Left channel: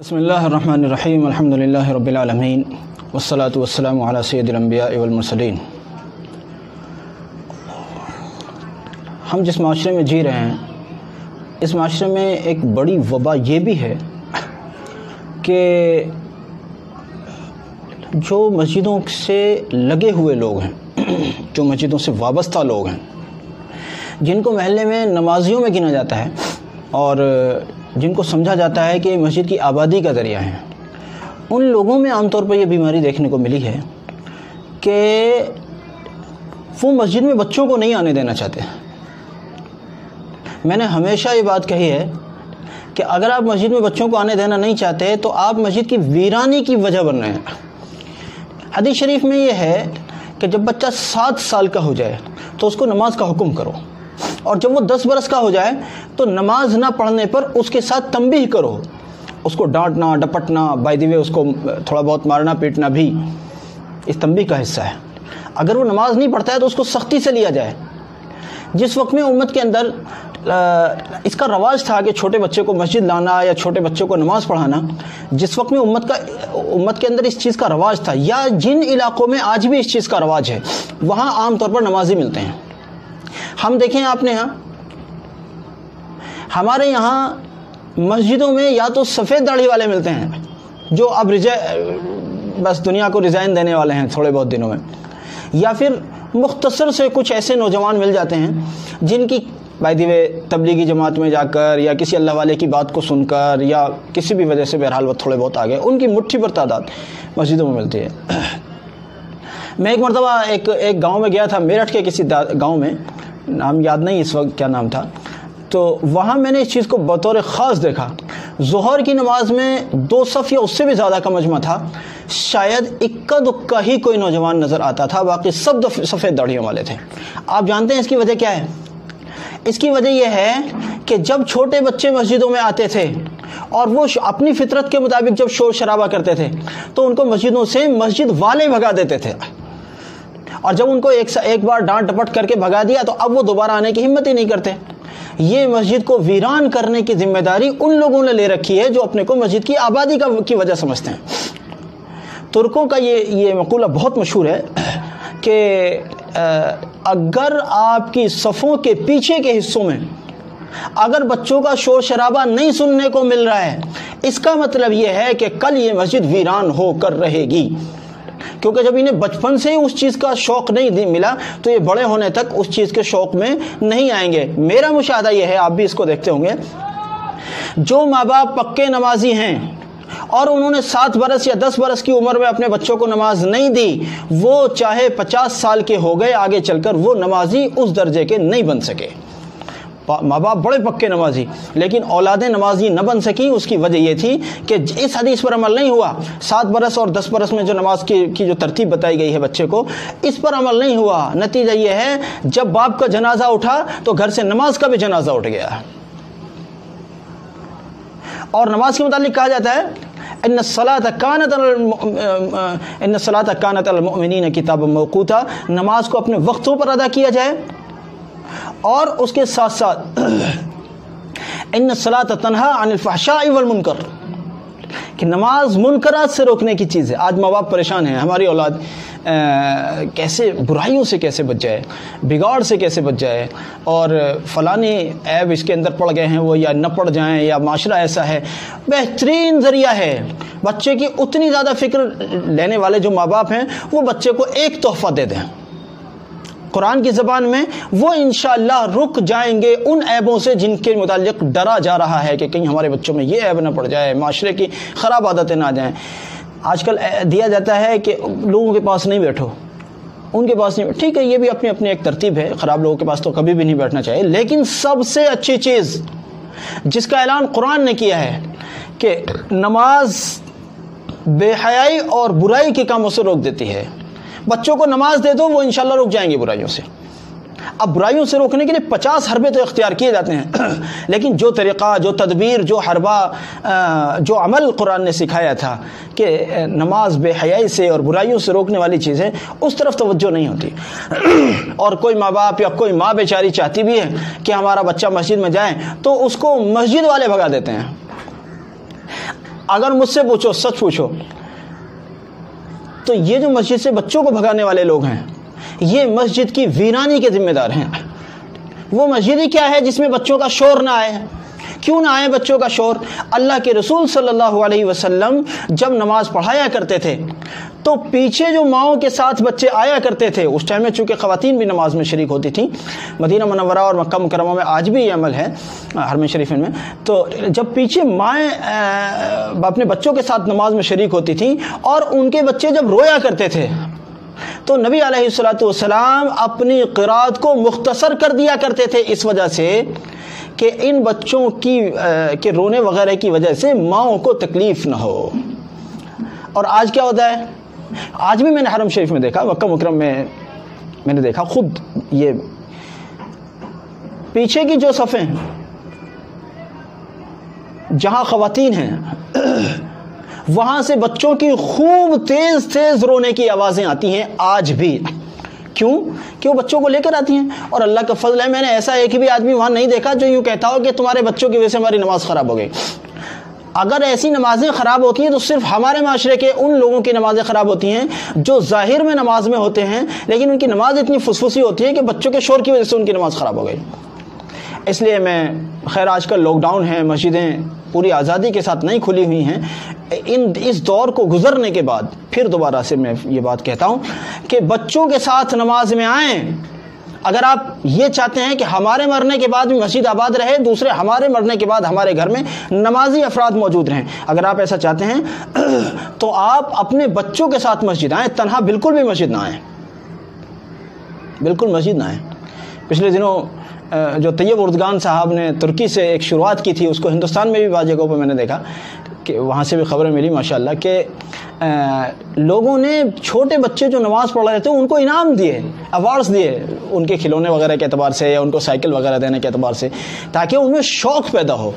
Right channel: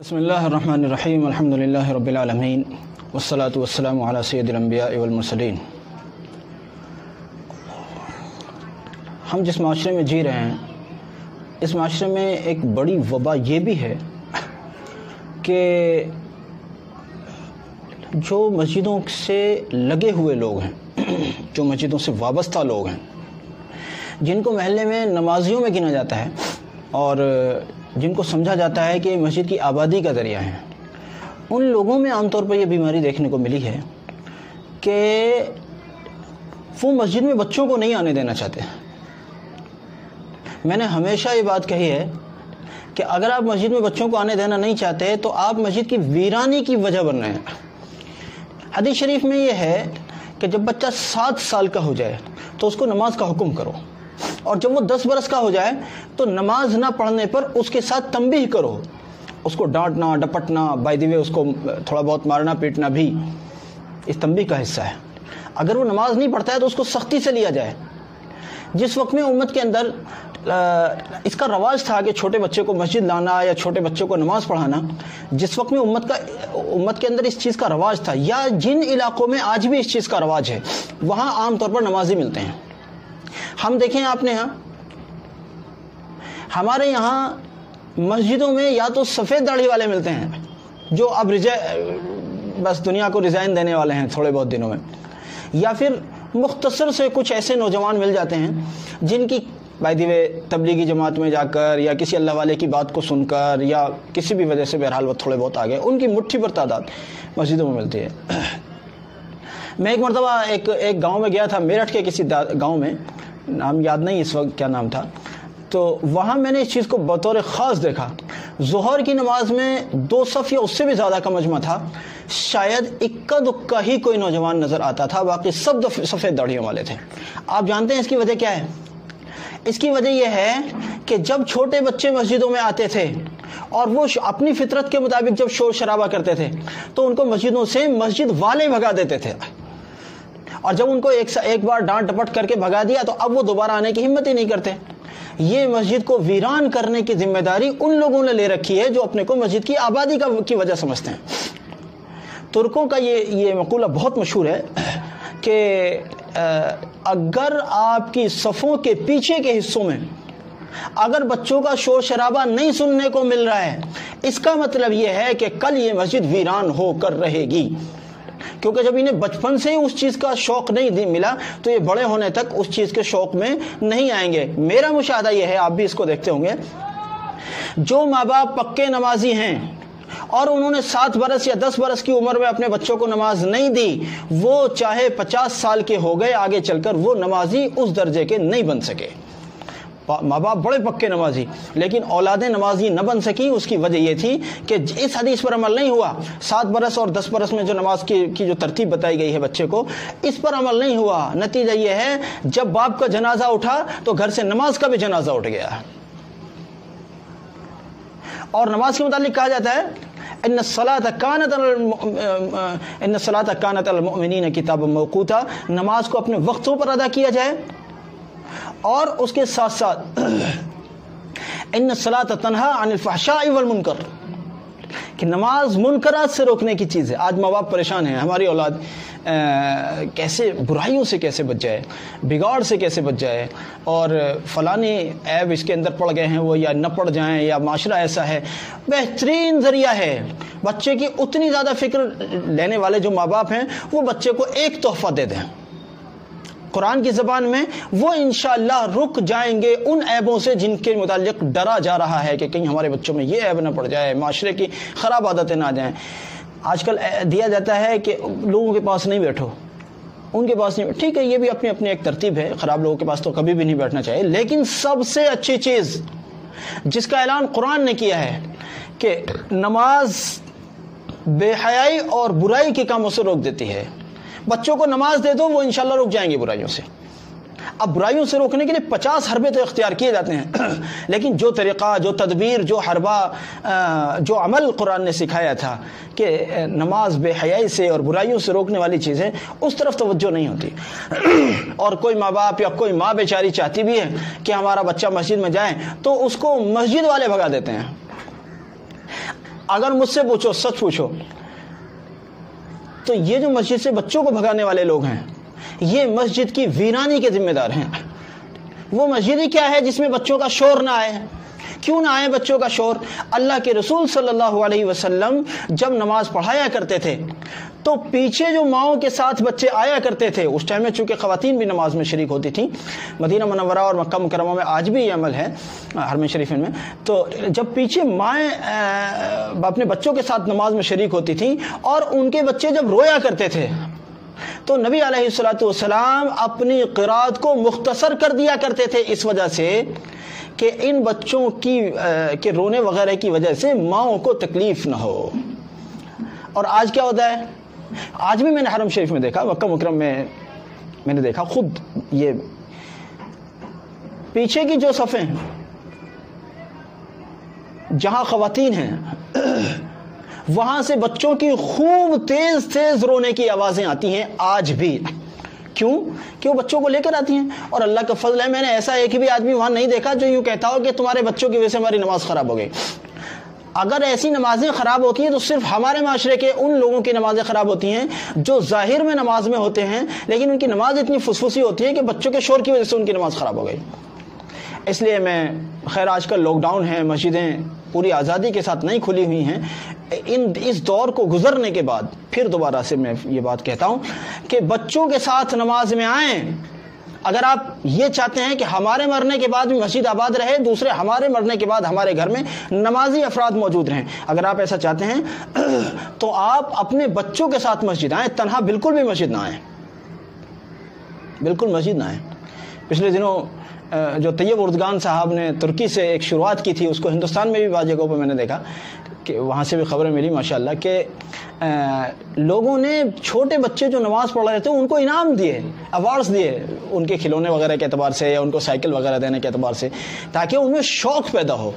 بسم اللہ الرحمن الرحیم الحمد للہ رب العالمین والصلاة والسلام علی سید الانبیاء والمرسلین۔ ہم جس معاشرے میں جی رہے ہیں اس معاشرے میں ایک بڑی وبا یہ بھی ہے کہ جو مسجدوں سے لگے ہوئے لوگ ہیں، جو مسجدوں سے وابستہ لوگ ہیں، جن کو محلے میں نمازیوں میں گنا جاتا ہے اور جن کو سمجھا جاتا ہے کہ مسجد کی آبادی کا ذریعہ ہیں، ان لوگوں میں عام طور پر یہ بیماری دیکھنے کو ملی ہے کہ وہ مسجد میں بچوں کو نہیں آنے دینا چاہتے۔ میں نے ہمیشہ یہ بات کہی ہے کہ اگر آپ مسجد میں بچوں کو آنے دینا نہیں چاہتے تو آپ مسجد کی ویرانی کی وجہ بن رہے ہیں۔ حدیث شریف میں یہ ہے کہ جب بچہ 7 سال کا ہو جائے تو اس کو نماز کا حکم کرو، اور جب وہ 10 برس کا ہو جائے تو نماز نہ پڑھنے پر اس کے ساتھ تنبیہ کرو، اس کو ڈانٹنا ڈپٹنا، بائی دی وے اس کو تھوڑا بہت مارنا پیٹنا بھی اس تنبیہ کا حصہ ہے۔ اگر وہ نماز نہیں پڑھتا ہے تو اس کو سختی سے لیا جائے۔ جس وقت میں امت کے اندر اس کا رواج تھا کہ چھوٹے بچے کو مسجد لانا یا چھوٹے بچے کو نماز پڑھانا، جس وقت میں امت کے اندر اس چیز کا رواج تھا، یا جن علاقوں میں آج بھی اس چیز کا رواج ہے، وہاں عام طور پر نمازی ملتے ہیں۔ ہم دیکھیں اپنے یہاں، ہمارے یہاں مسجدوں میں یا تو سفید داڑھی والے ملتے ہیں جو اب بس دنیا کو ریزائن دینے والے ہیں تھوڑے بہت دنوں میں، یا پھر مختصر سے کچھ ایسے نوجوان مل جاتے ہیں جن کی بائی دی وے تبلیغی جماعت میں جا کر یا کسی اللہ والے کی بات کو سن کر یا کسی بھی وجہ سے بہرحال وہ تھوڑے بہت آگے، ان کی مٹھی پر تعداد مسجدوں میں ملتی ہے۔ میں ایک مرتبہ ایک گاؤں میں گیا تھا، میرٹھ کے کسی گاؤں میں، نام یاد نہیں اس وقت کیا نام تھا، تو وہاں میں نے اس چیز کو بطور خاص دیکھا۔ ظہر کی نماز میں 2 صف یا اس سے بھی زیادہ کا مجمع تھا، شاید اکا دکا ہی کوئی نوجوان نظر آتا تھا، باقی سب سفید داڑھیوں والے تھے۔ آپ جانتے ہیں اس کی وجہ کیا ہے؟ اس کی وجہ یہ ہے کہ جب چھوٹے بچے مسجدوں میں آتے تھے اور وہ اپنی فطرت کے مطابق جب شور شرابہ کرتے تھے تو ان کو مسجدوں سے مسجد والے بھگا دیتے تھے، اور جب ان کو ایک بار ڈانٹ ڈپٹ کر کے بھگا دیا تو اب وہ دوبارہ آنے کی ہمت ہی نہیں کرتے۔ یہ مسجد کو ویران کرنے کی ذمہ داری ان لوگوں نے لے رکھی ہے جو اپنے کو مسجد کی آبادی کی وجہ سمجھتے ہیں۔ ترکوں کا یہ مقولہ بہت مشہور ہے کہ اگر آپ کی صفوں کے پیچھے کے حصوں میں اگر بچوں کا شور شرابہ نہیں سننے کو مل رہا ہے، اس کا مطلب یہ ہے کہ کل یہ مسجد ویران ہو کر رہے گی، کیونکہ جب انہیں بچپن سے اس چیز کا شوق نہیں ملا تو یہ بڑے ہونے تک اس چیز کے شوق میں نہیں آئیں گے۔ میرا مشاہدہ یہ ہے، آپ بھی اس کو دیکھتے ہوں گے، جو ماں باپ پکے نمازی ہیں اور انہوں نے 7 برس یا 10 برس کی عمر میں اپنے بچوں کو نماز نہیں دی، وہ چاہے 50 سال کے ہو گئے آگے چل کر وہ نمازی اس درجے کے نہیں بن سکے۔ ماں باپ بڑے پکے نمازی لیکن اولادیں نمازی نہ بن سکی، اس کی وجہ یہ تھی کہ اس حدیث پر عمل نہیں ہوا۔ 7 برس اور 10 برس میں جو نماز کی جو ترتیب بتائی گئی ہے بچے کو، اس پر عمل نہیں ہوا۔ نتیجہ یہ ہے جب باپ کا جنازہ اٹھا تو گھر سے نماز کا بھی جنازہ اٹھ گیا۔ اور نماز کے متعلق کہا جاتا ہے ان الصلاۃ کانت علی المؤمنین کتابا موقوتا، نماز کو اپنے وقتوں پر ادا کیا جائے، اور اس کے ساتھ ساتھ ان الصلاۃ تنہا عن الفحشاء والمنکر، کہ نماز منکرات سے روکنے کی چیز ہے۔ آج ماں باپ پریشان ہیں، ہماری اولاد کیسے برائیوں سے کیسے بچ جائے، بگاڑ سے کیسے بچ جائے، اور فلانی عیب اس کے اندر پڑ گئے ہیں وہ، یا نہ پڑ جائیں، یا معاشرہ ایسا ہے۔ بہترین ذریعہ ہے بچے کی اتنی زیادہ فکر لینے والے جو ماں باپ ہیں، وہ بچے کو ایک تحفہ دے دیں قرآن کی زبان میں، وہ انشاءاللہ رک جائیں گے ان عیبوں سے جن کے متعلق ڈرا جا رہا ہے کہ کہیں ہمارے بچوں میں یہ عیب نہ پڑ جائے، معاشرے کی خراب عادتیں نہ آ جائیں۔ آج کل دیا جاتا ہے کہ لوگوں کے پاس نہیں بیٹھو، ان کے پاس نہیں، ٹھیک ہے، یہ بھی اپنی اپنی ایک ترتیب ہے، خراب لوگوں کے پاس تو کبھی بھی نہیں بیٹھنا چاہیے، لیکن سب سے اچھی چیز جس کا اعلان قرآن نے کیا ہے کہ نماز بے حیائی اور برائی کے کاموں سے روک دیتی ہے۔ بچوں کو نماز دے دو، وہ انشاءاللہ رک جائیں گے برائیوں سے۔ اب برائیوں سے روکنے کے لیے 50 حربے تو اختیار کیے جاتے ہیں، لیکن جو طریقہ، جو تدبیر، جو حربہ، جو عمل قرآن نے سکھایا تھا کہ نماز بے حیائی سے اور برائیوں سے روکنے والی چیز ہے، اس طرف توجہ نہیں ہوتی۔ اور کوئی ماں باپ یا کوئی ماں بیچاری چاہتی بھی ہے کہ ہمارا بچہ مسجد میں جائے تو اس کو مسجد والے بھگا دیتے ہیں۔ اگر مجھ سے پوچھو، سچ پوچھو، تو یہ جو مسجد سے بچوں کو بھگانے والے لوگ ہیں یہ مسجد کی ویرانی کے ذمہ دار ہیں۔ وہ مسجد ہی کیا ہے جس میں بچوں کا شور نہ آئے؟ کیوں نہ آئے بچوں کا شور؟ اللہ کے رسول صلی اللہ علیہ وسلم جب نماز پڑھایا کرتے تھے تو پیچھے جو ماؤں کے ساتھ بچے آیا کرتے تھے، اس ٹائم میں چونکہ خواتین بھی نماز میں شریک ہوتی تھیں، مدینہ منورہ اور مکہ مکرمہ میں آج بھی یہ عمل ہے حرم شریفین میں، تو جب پیچھے مائیں اپنے بچوں کے ساتھ نماز میں شریک ہوتی تھیں اور ان کے بچے جب رویا کرتے تھے تو نبی علیہ الصلوۃ والسلام اپنی قرات کو مختصر کر دیا کرتے تھے، اس وجہ سے کہ ان بچوں کے رونے وغیرہ کی وجہ سے ماؤں کو تکلیف نہ ہو۔ اور آج کیا ہوتا ہے؟ آج بھی میں نے حرم شریف میں دیکھا، مکہ مکرم میں نے دیکھا خود، یہ پیچھے کی جو صفیں جہاں خواتین ہیں وہاں سے بچوں کی خوب تیز تیز رونے کی آوازیں آتی ہیں آج بھی۔ کیوں؟ کہ وہ بچوں کو لے کر آتی ہیں، اور اللہ کا فضل ہے میں نے ایسا ایک بھی آدمی وہاں نہیں دیکھا جو یوں کہتا ہو کہ تمہارے بچوں کی وجہ سے ہماری نماز خراب ہو گئی۔ اگر ایسی نمازیں خراب ہوتی ہیں تو صرف ہمارے معاشرے کے ان لوگوں کی نمازیں خراب ہوتی ہیں جو ظاہر میں نماز میں ہوتے ہیں لیکن ان کی نماز اتنی فسفسی ہوتی ہے کہ بچوں کے شور کی وجہ سے ان کی نماز خراب ہو گئی۔ اس لیے میں خیر آج کل لاک ڈاؤن ہے، مسجدیں پوری آزادی کے ساتھ نہیں کھلی ہوئی ہیں، اس دور کو گزرنے کے بعد پھر دوبارہ سے میں یہ بات کہتا ہوں کہ بچوں کے ساتھ نماز میں آئیں۔ اگر آپ یہ چاہتے ہیں کہ ہمارے مرنے کے بعد بھی مسجد آباد رہے، دوسرے ہمارے مرنے کے بعد ہمارے گھر میں نمازی افراد موجود رہیں، اگر آپ ایسا چاہتے ہیں تو آپ اپنے بچوں کے ساتھ مسجد آئیں، تنہا بالکل بھی مسجد نہ آئیں، بالکل مسجد نہ آئیں۔ پچھلے دنوں جو طیب اردگان صاحب نے ترکی سے ایک شروعات کی تھی، اس کو ہندوستان میں بھی بعض جگہوں پہ میں نے دیکھا کہ وہاں سے بھی خبریں ملی ماشاءاللہ کہ لوگوں نے چھوٹے بچے جو نماز پڑھ رہے تھے ان کو انعام دیے، ایوارڈز دیے، ان کے کھلونے وغیرہ کے اعتبار سے یا ان کو سائیکل وغیرہ دینے کے اعتبار سے، تاکہ ان میں شوق پیدا ہو۔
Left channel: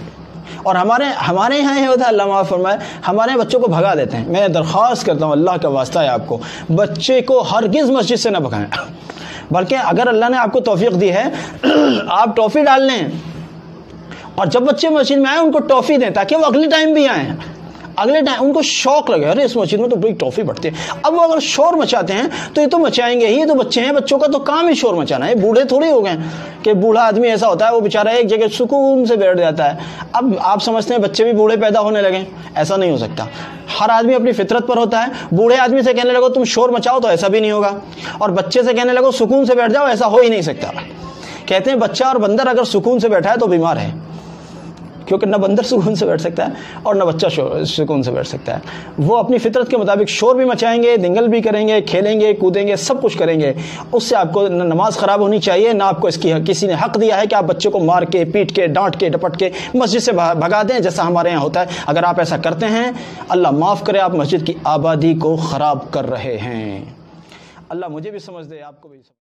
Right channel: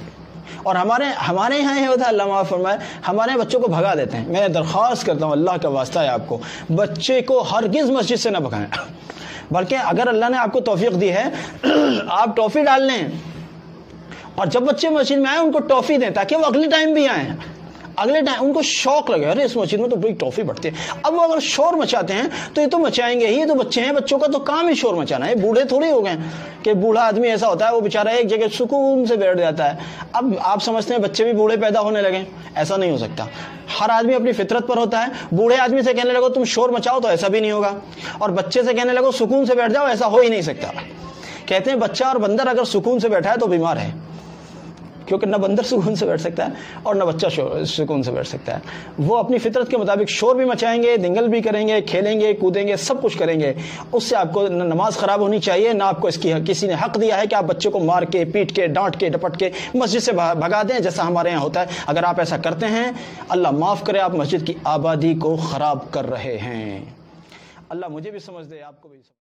اور ہمارے یہاں یہ ہوتا ہے، اللہ معاف فرمائے، ہمارے بچوں کو بھگا دیتے ہیں۔ میں درخواست کرتا ہوں اللہ کا واسطہ ہے آپ کو، بچے کو ہرگز مسجد سے نہ بھگائیں، بلکہ اگر اللہ نے آپ کو توفیق دی ہے آپ ٹافی ڈال لیں، اور جب بچے مسجد میں آئیں ان کو ٹافی دیں تاکہ وہ اگلے ٹائم بھی آئیں، اگلے ٹائم ان کو شوق لگے، ارے اس مسجد میں تو بڑی ٹافی بڑھتی ہے۔ اب وہ اگر شور مچاتے ہیں تو یہ تو مچائیں گے ہی، یہ تو بچے ہیں، بچوں کا تو کام ہی شور مچانا ہے، بوڑھے تھوڑی ہو گئے کہ بوڑھا آدمی ایسا ہوتا ہے وہ بیچارہ ایک جگہ سکون سے بیٹھ جاتا ہے۔ اب آپ سمجھتے ہیں بچے بھی بوڑھے پیدا ہونے لگے، ایسا نہیں ہو سکتا۔ ہر آدمی اپنی فطرت پر ہوتا ہے، بوڑھے آدمی سے کہنے لگو تم شور مچاؤ تو ایسا بھی نہیں ہوگا، اور بچے سے کہنے لگو سکون سے بیٹھ جاؤ، ایسا ہو ہی نہیں سکتا۔ کہتے ہیں بچہ اور بندر اگر سکون سے بیٹھا ہے تو بیمار ہے، کیونکہ نہ بندر سکون سے بیٹھ سکتا ہے اور نہ بچہ سکون سے بیٹھ سکتا ہے۔ وہ اپنی فطرت کے مطابق شور بھی مچائیں گے، دنگل بھی کریں گے، کھیلیں گے، کودیں گے، سب کچھ کریں گے۔ اس سے آپ کو نہ نماز خراب ہونی چاہیے، نہ آپ کو اس کی کسی نے حق دیا ہے کہ آپ بچے کو مار کے، پیٹ کے، ڈانٹ کے، ڈپٹ کے مسجد سے بھگا دیں جیسا ہمارے یہاں ہوتا ہے۔ اگر آپ ایسا کرتے ہیں اللہ معاف کرے، آپ مسجد کی آبادی کو خراب کر رہے ہیں۔ اللہ مجھے بھی سمجھ دے، آپ کو بھی